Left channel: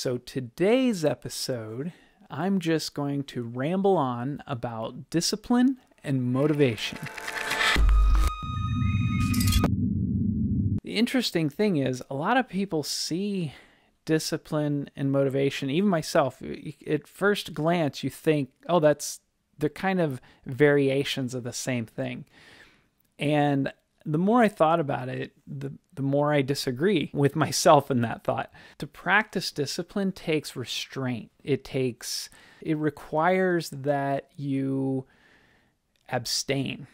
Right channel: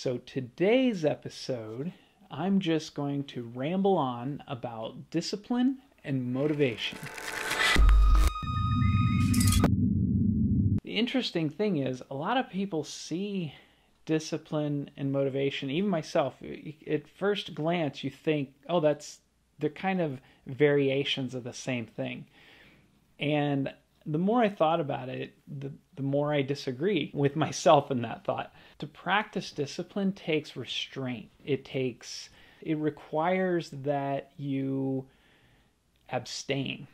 So today's episode, I'm just going to ramble on about discipline and motivation. The interesting thing is, a lot of people see discipline and motivation, even myself, at first glance you think, oh, they're kind of variations of the same thing. And the more I thought about it, the more I disagree with myself in that thought. To practice discipline takes restraint. It requires that you abstain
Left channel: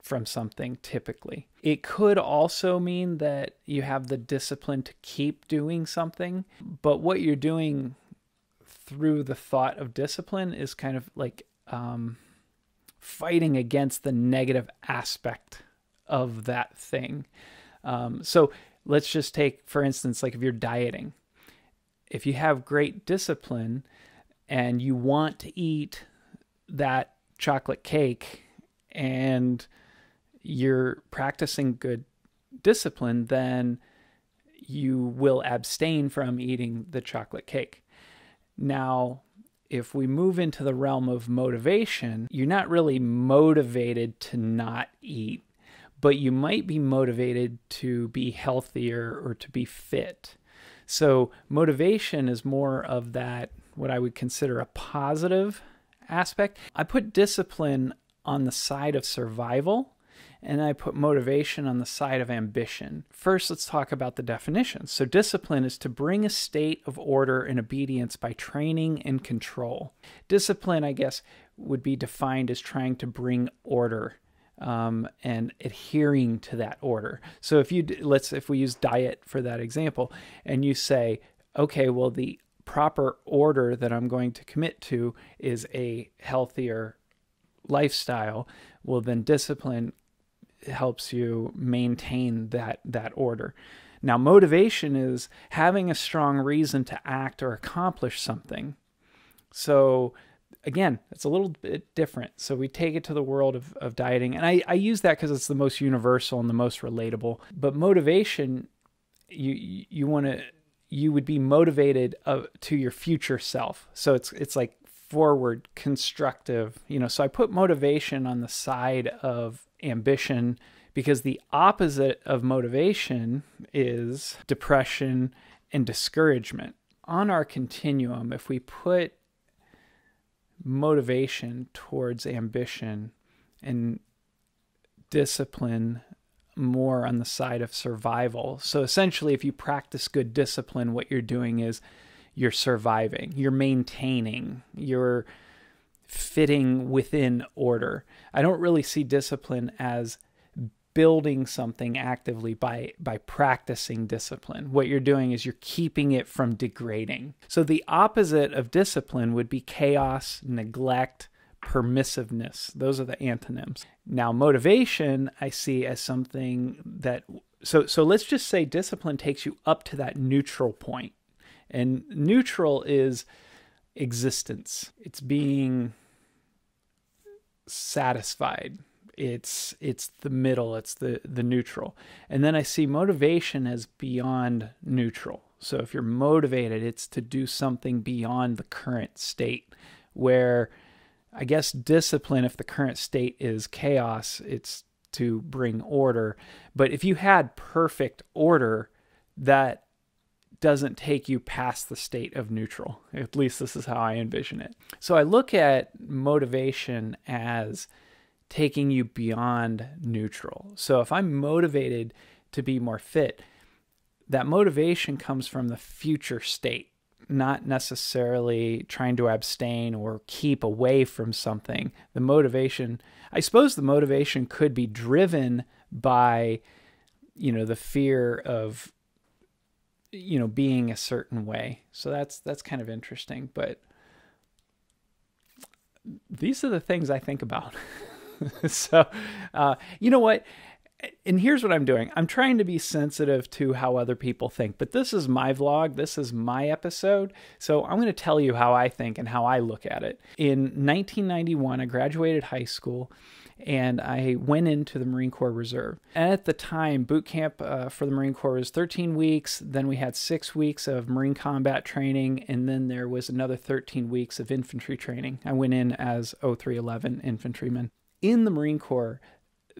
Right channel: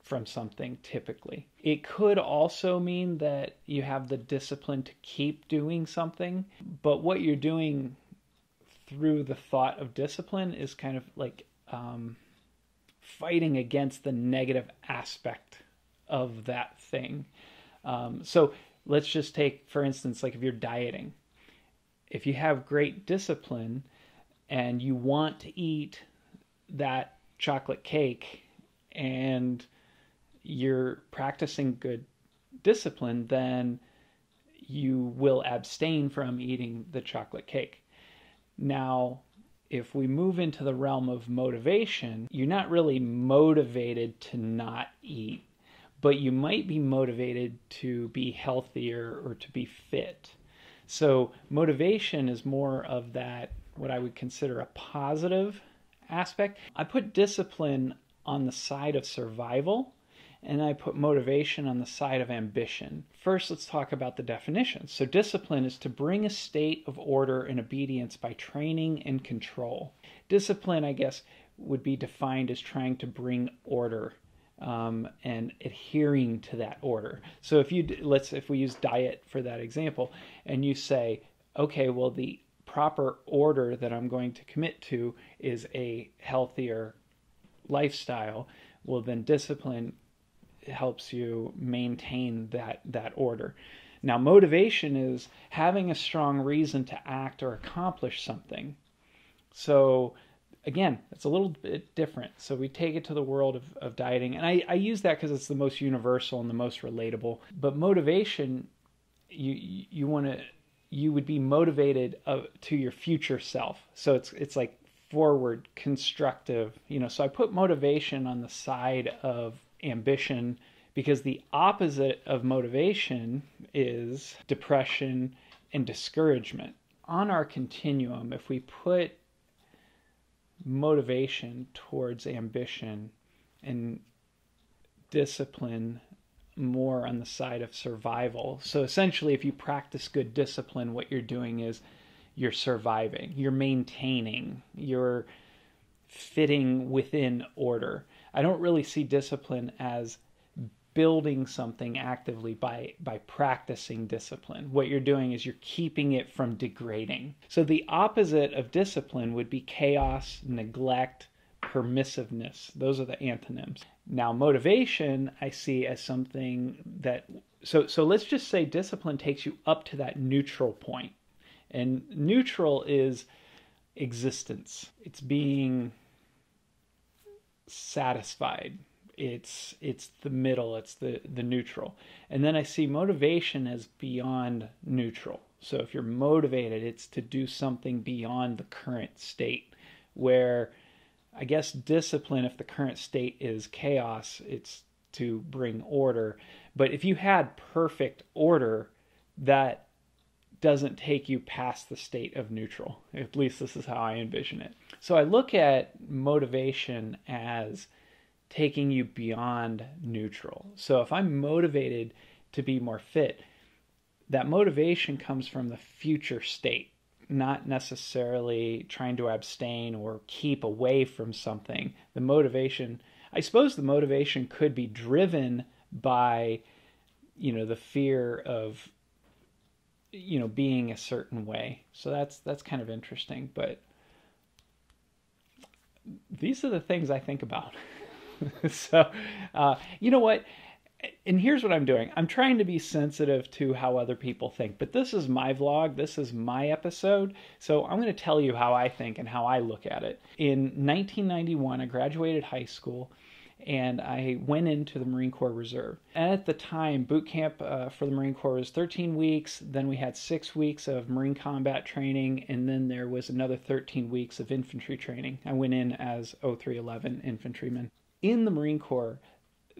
from something typically. It could also mean that you have the discipline to keep doing something, but what you're doing through the thought of discipline is kind of like fighting against the negative aspect of that thing. So let's just take, for instance, like if you're dieting. If you have great discipline and you want to eat that chocolate cake and you're practicing good discipline, then you will abstain from eating the chocolate cake. Now, if we move into the realm of motivation, you're not really motivated to not eat, but you might be motivated to be healthier or to be fit. So motivation is more of that, what I would consider a positive aspect. I put discipline on the side of survival, and I put motivation on the side of ambition. First, let's talk about the definition. So discipline is to bring a state of order and obedience by training and control. Discipline, I guess, would be defined as trying to bring order and adhering to that order. So if we use diet for that example, and you say, okay, well, the proper order that I'm going to commit to is a healthier lifestyle, well, then discipline helps you maintain that order. Now, motivation is having a strong reason to act or accomplish something. So again, it's a little bit different. So we take it to the world of dieting, and I use that because it's the most universal and the most relatable. But motivation, you would be motivated to your future self. So it's like forward, constructive. So I put motivation on the side of ambition because the opposite of motivation is depression and discouragement. On our continuum, if we put motivation towards ambition and discipline more on the side of survival. So essentially, if you practice good discipline, what you're doing is you're surviving, you're maintaining, you're fitting within order. I don't really see discipline as building something actively by practicing discipline. What you're doing is you're keeping it from degrading. So the opposite of discipline would be chaos, neglect, permissiveness. Those are the antonyms. Now, motivation I see as something that, so let's just say discipline takes you up to that neutral point. And neutral is existence. It's being satisfied. It's the middle. It's the neutral. And then I see motivation as beyond neutral. So if you're motivated, it's to do something beyond the current state, where I guess discipline, if the current state is chaos, it's to bring order. But if you had perfect order, that doesn't take you past the state of neutral. At least this is how I envision it. So I look at motivation as taking you beyond neutral. So if I'm motivated to be more fit, that motivation comes from the future state, not necessarily trying to abstain or keep away from something. The motivation, I suppose the motivation could be driven by, the fear of, being a certain way. So that's kind of interesting, but these are the things I think about. So, you know what? And here's what I'm doing. I'm trying to be sensitive to how other people think, but this is my vlog. This is my episode. So I'm going to tell you how I think and how I look at it. In 1991, I graduated high school, and I went into the Marine Corps Reserve. And at the time, boot camp for the Marine Corps was 13 weeks. Then we had 6 weeks of Marine combat training, and then there was another 13 weeks of infantry training. I went in as 0311 infantryman. In the Marine Corps,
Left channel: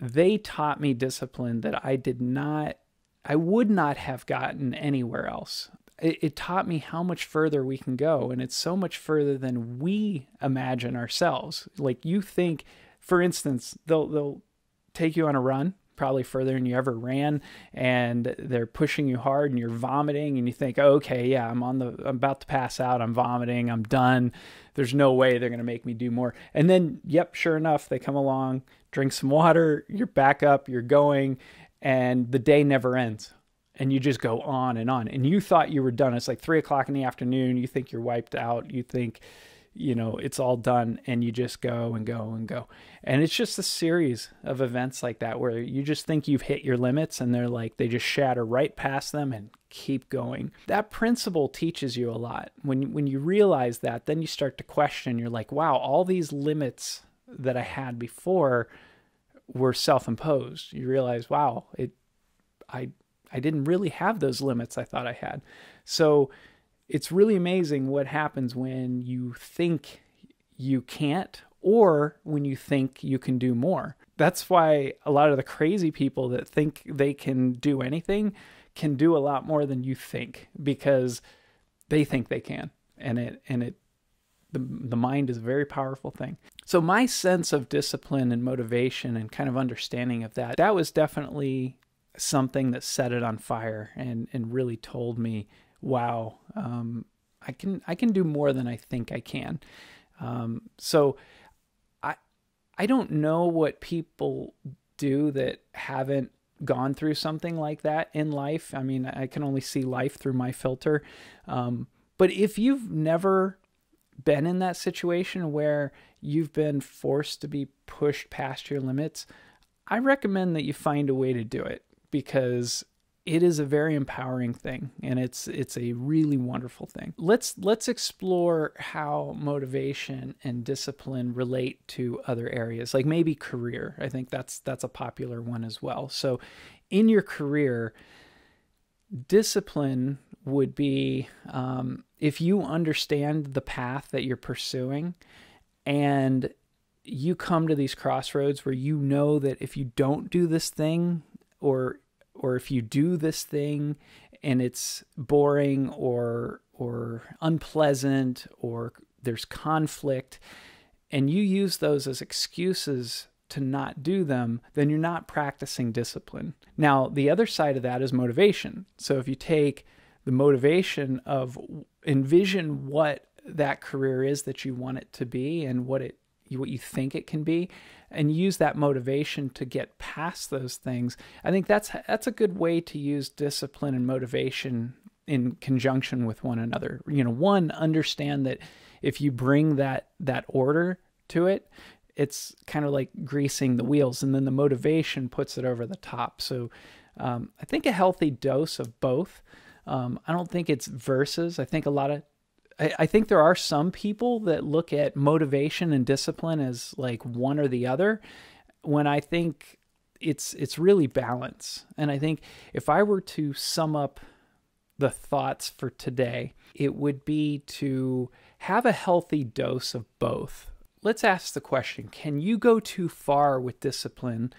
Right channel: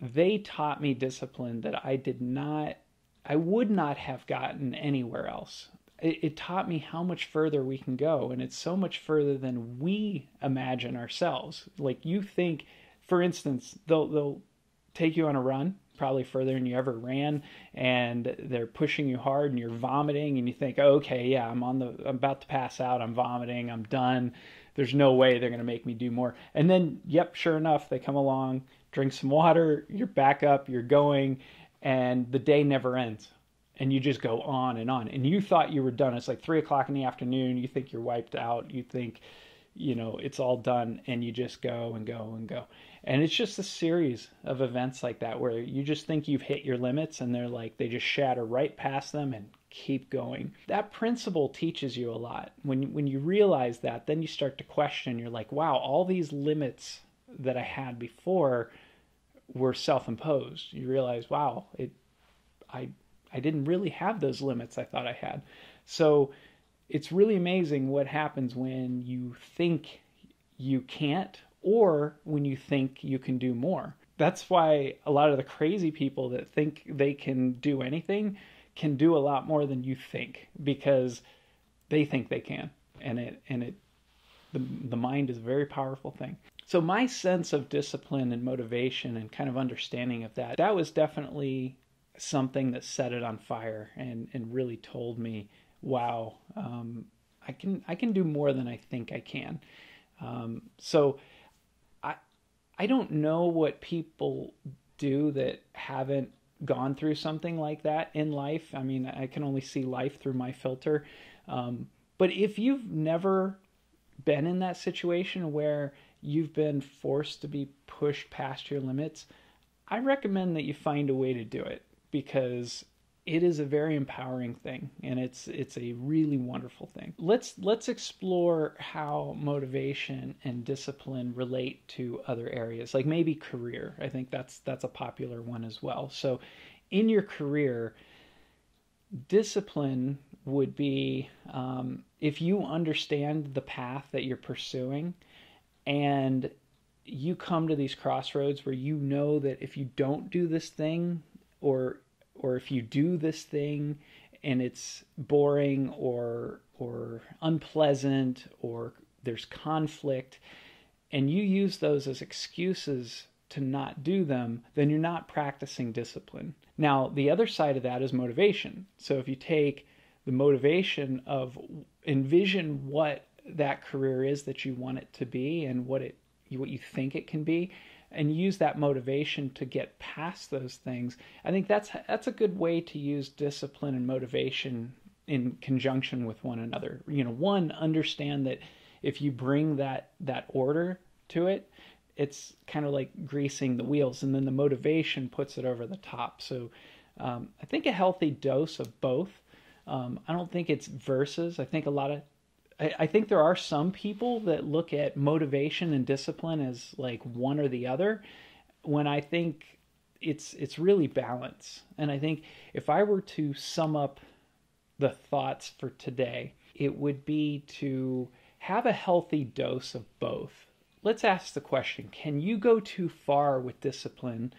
they taught me discipline that I would not have gotten anywhere else. It taught me how much further we can go, and it's so much further than we imagine ourselves. Like, you think, for instance, they'll take you on a run, probably further than you ever ran, and they're pushing you hard and you're vomiting, and you think, oh, okay, yeah, I'm about to pass out, I'm vomiting, I'm done. There's no way they're going to make me do more. And then, yep, sure enough, they come along, drink some water, you're back up, you're going, and the day never ends. And you just go on. And you thought you were done. It's like 3 o'clock in the afternoon. You think you're wiped out. You think, it's all done. And you just go and go and go. And it's just a series of events like that where you just think you've hit your limits, and they just shatter right past them and keep going. That principle teaches you a lot. When you realize that, then you start to question. You're like, wow, all these limits that I had before were self-imposed. You realize, wow, I didn't really have those limits I thought I had. So it's really amazing what happens when you think you can't, or when you think you can do more. That's why a lot of the crazy people that think they can do anything can do a lot more than you think, because they think they can. The mind is a very powerful thing. So my sense of discipline and motivation and kind of understanding of that was definitely something that set it on fire and really told me, wow, I can do more than I think I can. So I don't know what people do that haven't gone through something like that in life. I mean, I can only see life through my filter. But if you've never been in that situation where you've been forced to be pushed past your limits, I recommend that you find a way to do it, because it is a very empowering thing, and it's a really wonderful thing. Let's explore how motivation and discipline relate to other areas, like maybe career. I think that's a popular one as well. So in your career, discipline would be if you understand the path that you're pursuing, and you come to these crossroads where you know that if you don't do this thing, or if you do this thing and it's boring or unpleasant, or there's conflict, and you use those as excuses to not do them, then you're not practicing discipline. Now, the other side of that is motivation. So if you take the motivation of envision what that career is that you want it to be, and what you think it can be, and use that motivation to get past those things, I think that's a good way to use discipline and motivation in conjunction with one another. One, understand that if you bring that order to it, it's kind of like greasing the wheels, and then the motivation puts it over the top. So I think a healthy dose of both. I don't think it's versus. I think there are some people that look at motivation and discipline as like one or the other, when I think it's really balance. And I think if I were to sum up the thoughts for today, it would be to have a healthy dose of both. Let's ask the question, can you go too far with discipline?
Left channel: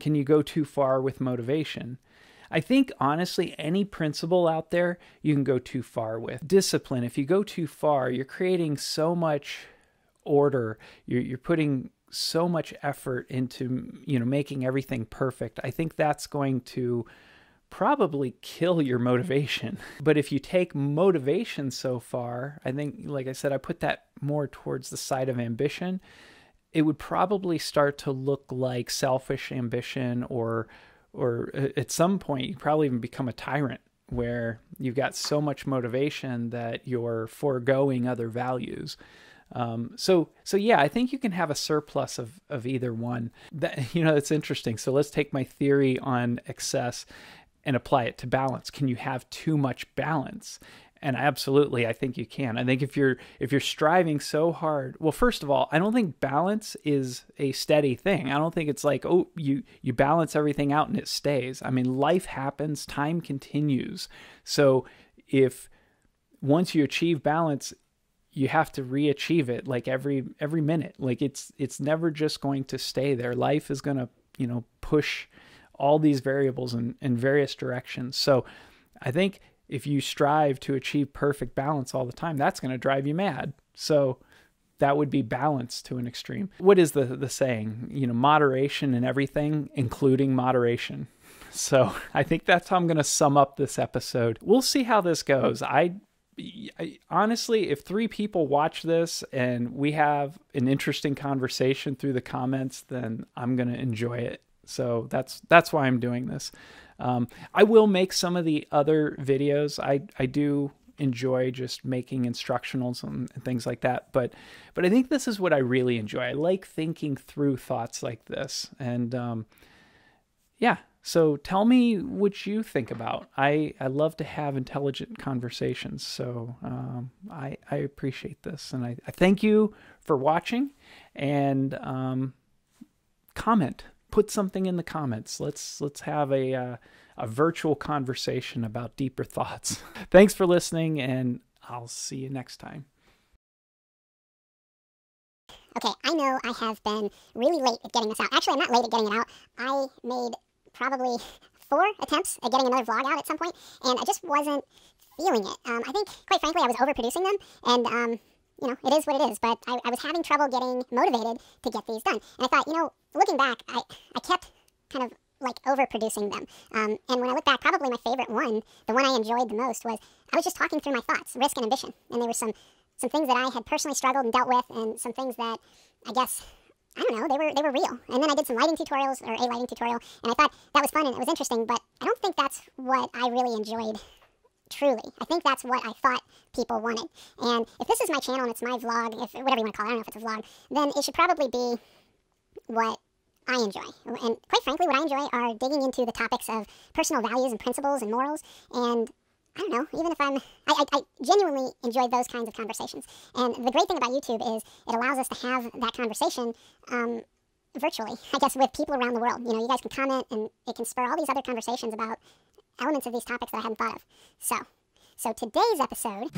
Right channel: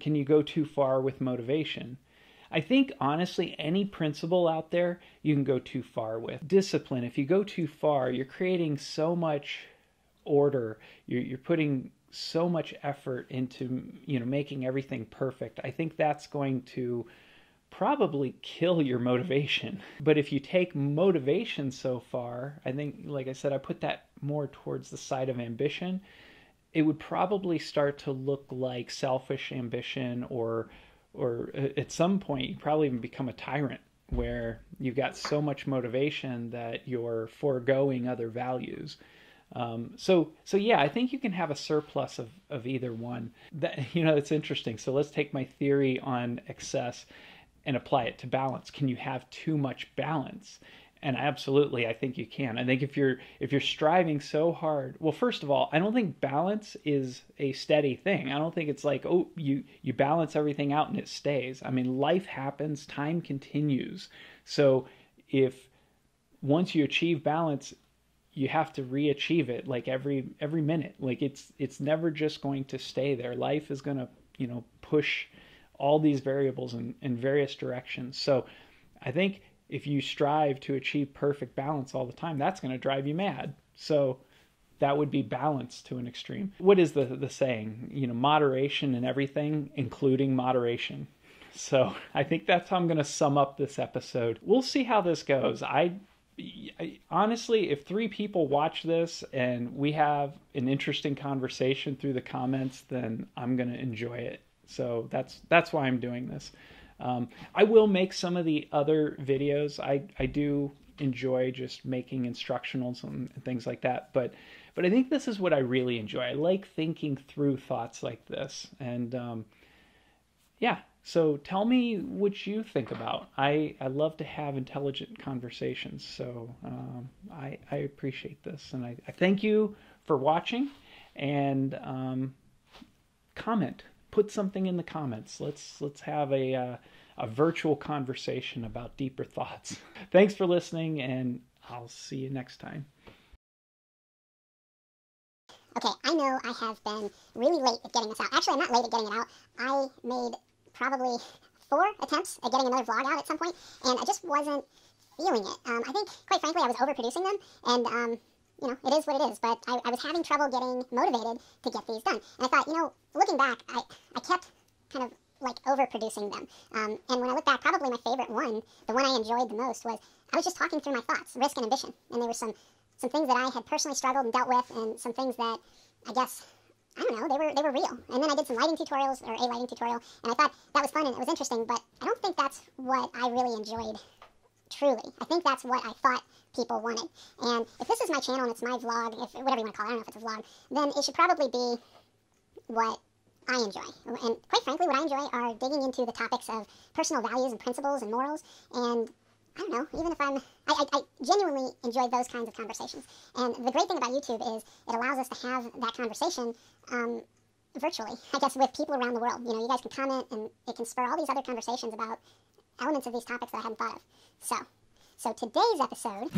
Can you go too far with motivation? I think, honestly, any principle out there you can go too far with. Discipline, if you go too far, you're creating so much order. You're putting so much effort into, making everything perfect. I think that's going to probably kill your motivation. But if you take motivation so far, I think, like I said, I put that more towards the side of ambition. It would probably start to look like selfish ambition, or at some point you probably even become a tyrant, where you've got so much motivation that you're foregoing other values. So yeah, I think you can have a surplus of either one. That's interesting. So let's take my theory on excess and apply it to balance. Can you have too much balance? And absolutely, I think you can. I think if you're striving so hard, well, first of all, I don't think balance is a steady thing. I don't think it's like, oh, you balance everything out and it stays. I mean, life happens, time continues. So if once you achieve balance, you have to re-achieve it like every minute. Like it's never just going to stay there. Life is going to, push all these variables in various directions. So I think if you strive to achieve perfect balance all the time, that's going to drive you mad. So that would be balance to an extreme. What is the saying? Moderation in everything, including moderation. So I think that's how I'm going to sum up this episode. We'll see how this goes. I honestly, if 3 people watch this and we have an interesting conversation through the comments, then I'm going to enjoy it. So that's why I'm doing this. I will make some of the other videos. I do enjoy just making instructionals and things like that. But I think this is what I really enjoy. I like thinking through thoughts like this. And yeah, so tell me what you think about. I love to have intelligent conversations. So I appreciate this. And I thank you for watching. And comment. Put something in the comments. Let's have a virtual conversation about deeper thoughts. Thanks for listening, and I'll see you next time. Okay, I know I have been really late at getting this out. Actually, I'm not late at getting it out. I made probably 4 attempts at getting another vlog out at some point, and I just wasn't feeling it. I think, quite frankly, I was overproducing them, and it is what it is, but I was having trouble getting motivated to get these done. And I thought, looking back, I kept kind of like overproducing them. And when I look back, probably my favorite one, the one I enjoyed the most, was I was just talking through my thoughts, risk and ambition. And there were some things that I had personally struggled and dealt with, and some things that I guess, I don't know, they were real. And then I did some lighting tutorials, or a lighting tutorial, and I thought that was fun and it was interesting, but I don't think that's what I really enjoyed truly. I think that's what I thought people wanted. And if this is my channel and it's my vlog, if whatever you want to call it, I don't know if it's a vlog, then it should probably be what I enjoy. And quite frankly, what I enjoy are digging into the topics of personal values and principles and morals. And I don't know, even if I genuinely enjoy those kinds of conversations. And the great thing about YouTube is it allows us to have that conversation virtually, I guess, with people around the world. You guys can comment, and it can spur all these other conversations about elements of these topics that I hadn't thought of. So today's episode